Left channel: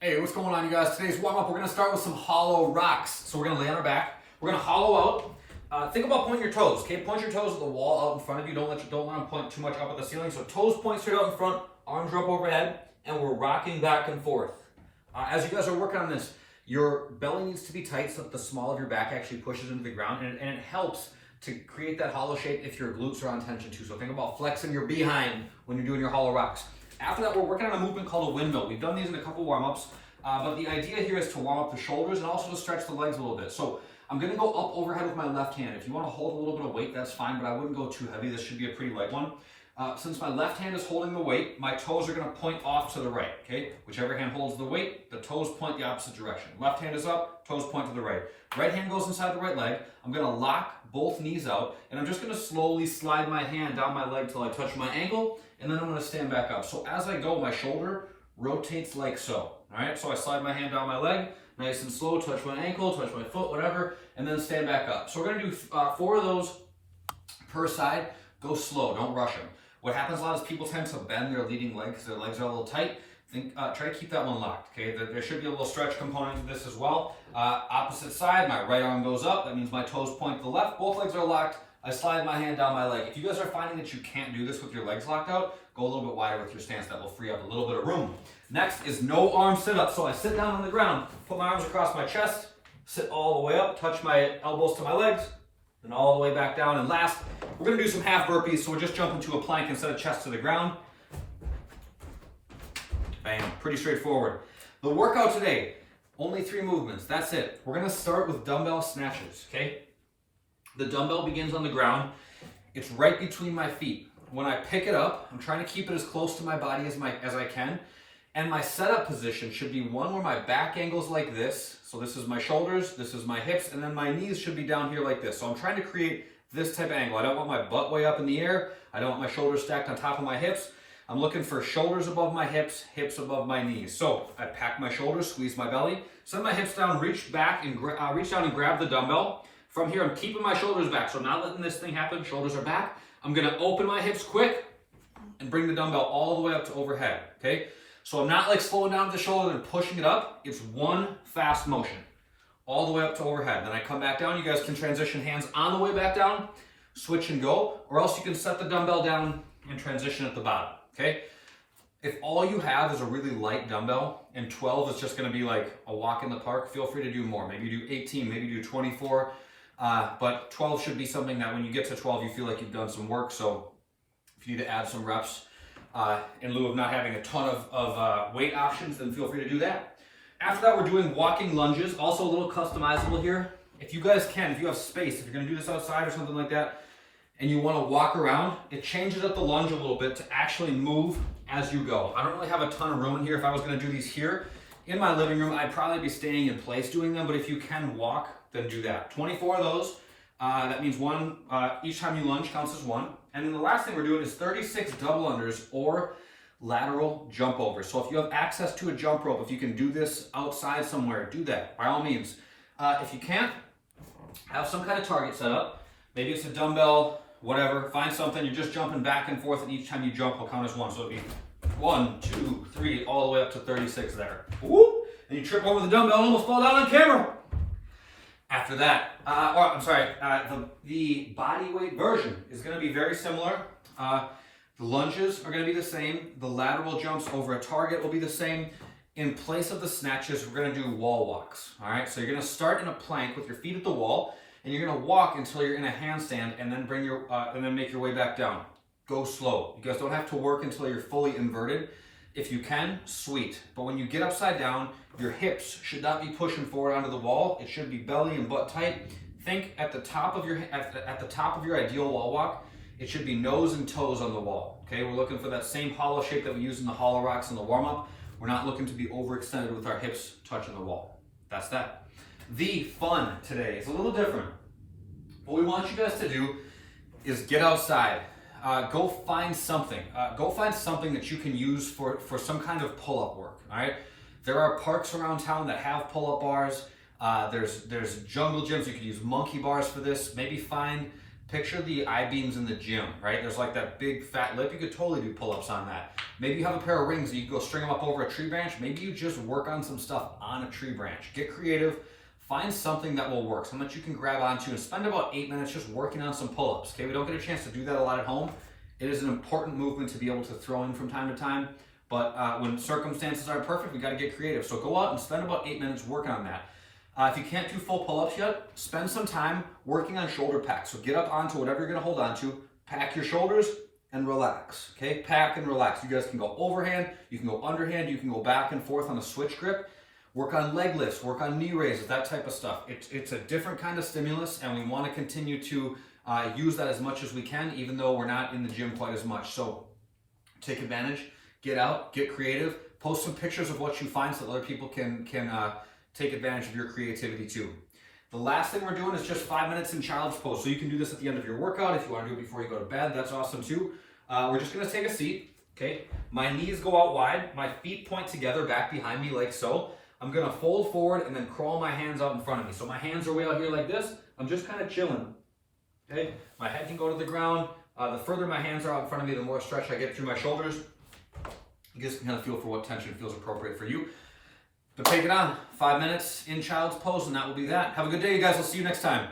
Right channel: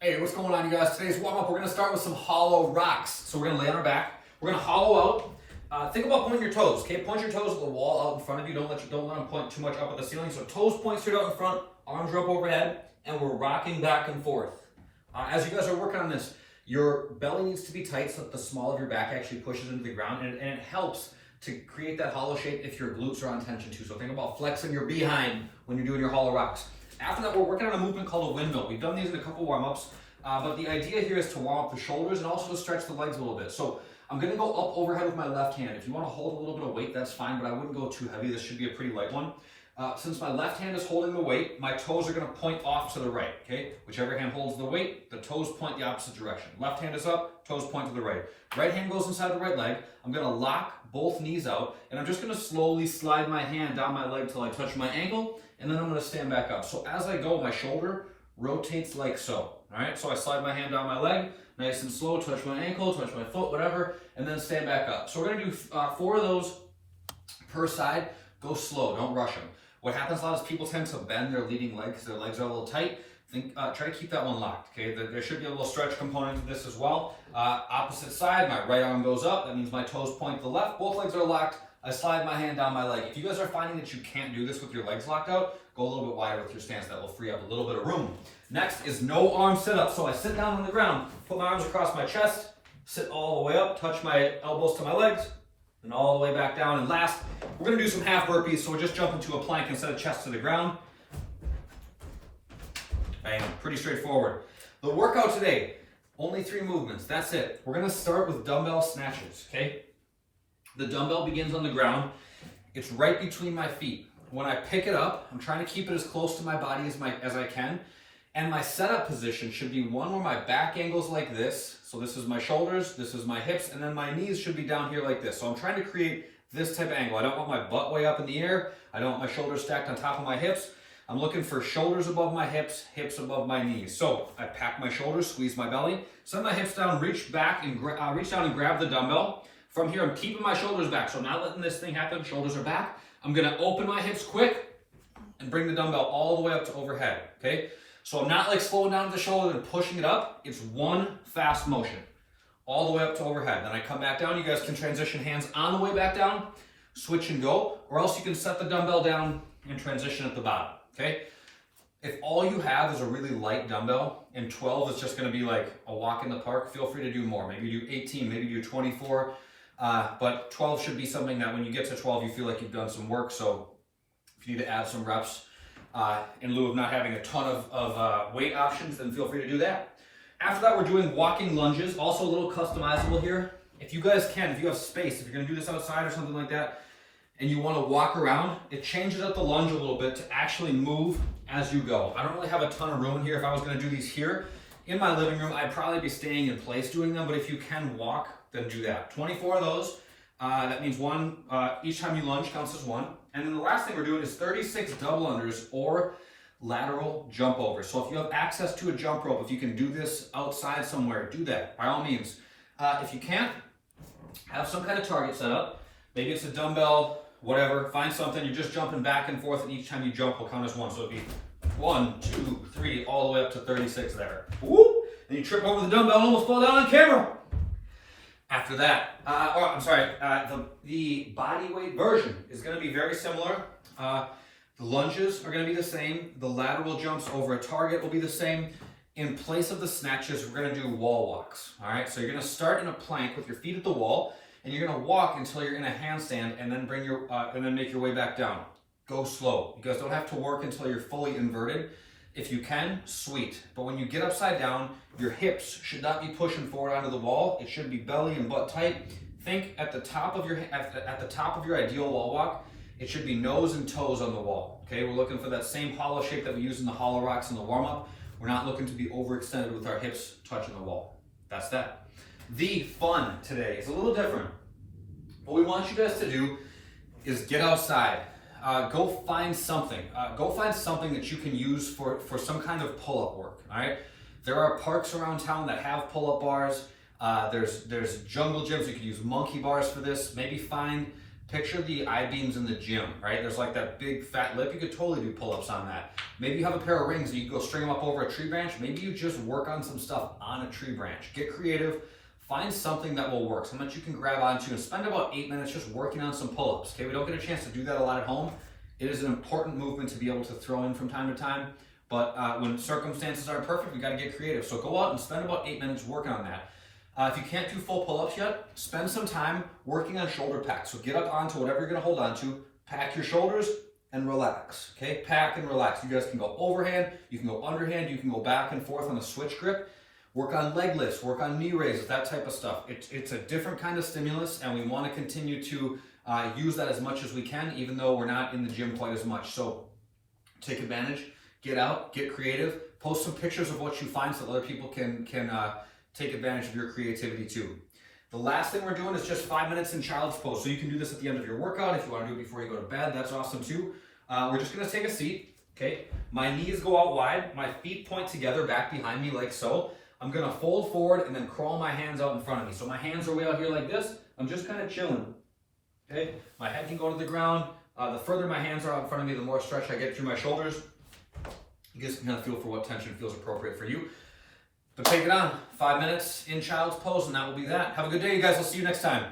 Hey, what's going on, you guys? Today's warm-up, we're going to start with some hollow rocks. So we're going to lay on our back. We're going to hollow out. Think about pointing your toes, okay? Point your toes at the wall out in front of you. Don't let them point too much up at the ceiling. So toes point straight out in front, arms are up overhead, and we're rocking back and forth. As you guys are working on this, your belly needs to be tight so that the small of your back actually pushes into the ground, and it helps to create that hollow shape if your glutes are on tension too. So think about flexing your behind when you're doing your hollow rocks. After that, we're working on a movement called a windmill. We've done these in a couple warm-ups, but the idea here is to warm up the shoulders and also to stretch the legs a little bit. So I'm gonna go up overhead with my left hand. If you wanna hold a little bit of weight, that's fine, but I wouldn't go too heavy. This should be a pretty light one. Since my left hand is holding the weight, my toes are gonna point off to the right, okay? Whichever hand holds the weight, the toes point the opposite direction. Left hand is up, toes point to the right. Right hand goes inside the right leg. I'm gonna lock both knees out, and I'm just gonna slowly slide my hand down my leg till I touch my ankle, and then I'm gonna stand back up. So as I go, my shoulder rotates like so, all right? So I slide my hand down my leg, nice and slow, touch my ankle, touch my foot, whatever, and then stand back up. So we're gonna do 4 of those per side. Go slow, don't rush them. What happens a lot is people tend to bend their leading leg because their legs are a little tight. Try to keep that one locked, okay? There should be a little stretch component to this as well. Opposite side, my right arm goes up. That means my toes point to the left. Both legs are locked. I slide my hand down my leg. If you guys are finding that you can't do this with your legs locked out, go a little bit wider with your stance. That will free up a little bit of room. Next is no arm sit-up. So I sit down on the ground, put my arms across my chest, sit all the way up, touch my elbows to my legs, and all the way back down. And last, we're gonna do some half burpees. So we're just jumping to a plank instead of chest to the ground. Bam, pretty straightforward. The workout today, only 3 movements, that's it. We're gonna start with dumbbell snatches, okay? The dumbbell begins on the ground. It's right between my feet. When I pick it up, I'm trying to keep it as close to my body as I can. And my setup position should be one where my back angle's like this. So this is my shoulders, this is my hips, and then my knees should be down here like this. So I'm trying to create this type of angle. I don't want my butt way up in the air. I don't want my shoulders stacked on top of my hips. I'm looking for shoulders above my hips, hips above my knees. So I pack my shoulders, squeeze my belly, set my hips down, reach back and reach down and grab the dumbbell. From here, I'm keeping my shoulders back. So I'm not letting this thing happen. Shoulders are back. I'm gonna open my hips quick and bring the dumbbell all the way up to overhead, okay? So I'm not like slowing down at the shoulder and pushing it up. It's one fast motion, all the way up to overhead. Then I come back down. You guys can transition hands on the way back down, switch and go, or else you can set the dumbbell down and transition at the bottom, okay? If all you have is a really light dumbbell and 12 is just gonna be like a walk in the park, feel free to do more. Maybe do 18, maybe do 24, but 12 should be something that when you get to 12, you feel like you've done some work. So if you need to add some reps in lieu of not having a ton of weight options, then feel free to do that. After that, we're doing walking lunges, also a little customizable here. If you guys can, if you have space, if you're gonna do this outside or something like that, and you wanna walk around, it changes up the lunge a little bit to actually move as you go. I don't really have a ton of room in here. If I was gonna do these here in my living room, I'd probably be staying in place doing them, but if you can walk, then do that. 24 of those. That means one, each time you lunge counts as 1. And then the last thing we're doing is 36 double unders or lateral jump overs. So if you have access to a jump rope, if you can do this outside somewhere, do that by all means. If you can't, have some kind of target set up. Maybe it's a dumbbell, whatever. Find something. You're just jumping back and forth, and each time you jump will count as 1. So it'd be 1, 2, 3, all the way up to 36 there. Whoop! Then you trip over the dumbbell and almost fall down on camera. After that, the body weight version is going to be very similar. The lunges are going to be the same. The lateral jumps over a target will be the same. In place of the snatches, we're going to do wall walks. All right, so you're going to start in a plank with your feet at the wall, and you're going to walk until you're in a handstand, and then make your way back down. Go slow. You guys don't have to work until you're fully inverted. If you can, sweet. But when you get upside down, your hips should not be pushing forward onto the wall. It should be belly and butt tight. Think at the top of your ideal wall walk, it should be nose and toes on the wall. Okay, we're looking for that same hollow shape that we use in the hollow rocks in the warm-up. We're not looking to be overextended with our hips touching the wall. That's that. The fun today is a little different. What we want you guys to do is get outside. Go find something. Go find something that you can use for some kind of pull-up work, all right? There are parks around town that have pull-up bars. There's jungle gyms. You could use monkey bars for this. Maybe find Picture the I-beams in the gym, right? There's like that big fat lip. You could totally do pull-ups on that. Maybe you have a pair of rings and you can go string them up over a tree branch. Maybe you just work on some stuff on a tree branch. Get creative. Find something that will work, something that you can grab onto, and spend about 8 minutes just working on some pull-ups. Okay, we don't get a chance to do that a lot at home. It is an important movement to be able to throw in from time to time, but when circumstances aren't perfect, we got to get creative. So go out and spend about 8 minutes working on that. If you can't do full pull-ups yet, spend some time working on shoulder packs. So get up onto whatever you're going to hold onto, pack your shoulders, and relax. Okay, pack and relax. You guys can go overhand, you can go underhand, you can go back and forth on a switch grip. Work on leg lifts, work on knee raises, that type of stuff. It's a different kind of stimulus, and we want to continue to use that as much as we can, even though we're not in the gym quite as much. So take advantage, get out, get creative, post some pictures of what you find so that other people can take advantage of your creativity too. The last thing we're doing is just 5 minutes in child's pose. So you can do this at the end of your workout. If you want to do it before you go to bed, that's awesome too. We're just going to take a seat. Okay, my knees go out wide, my feet point together back behind me like so. I'm gonna fold forward and then crawl my hands out in front of me. So my hands are way out here like this. I'm just kind of chilling. Okay, my head can go to the ground. The further my hands are out in front of me, the more stretch I get through my shoulders. You guys can kind of feel for what tension feels appropriate for you. But take it on. 5 minutes in child's pose, and that will be that. Have a good day, you guys. I'll see you next time.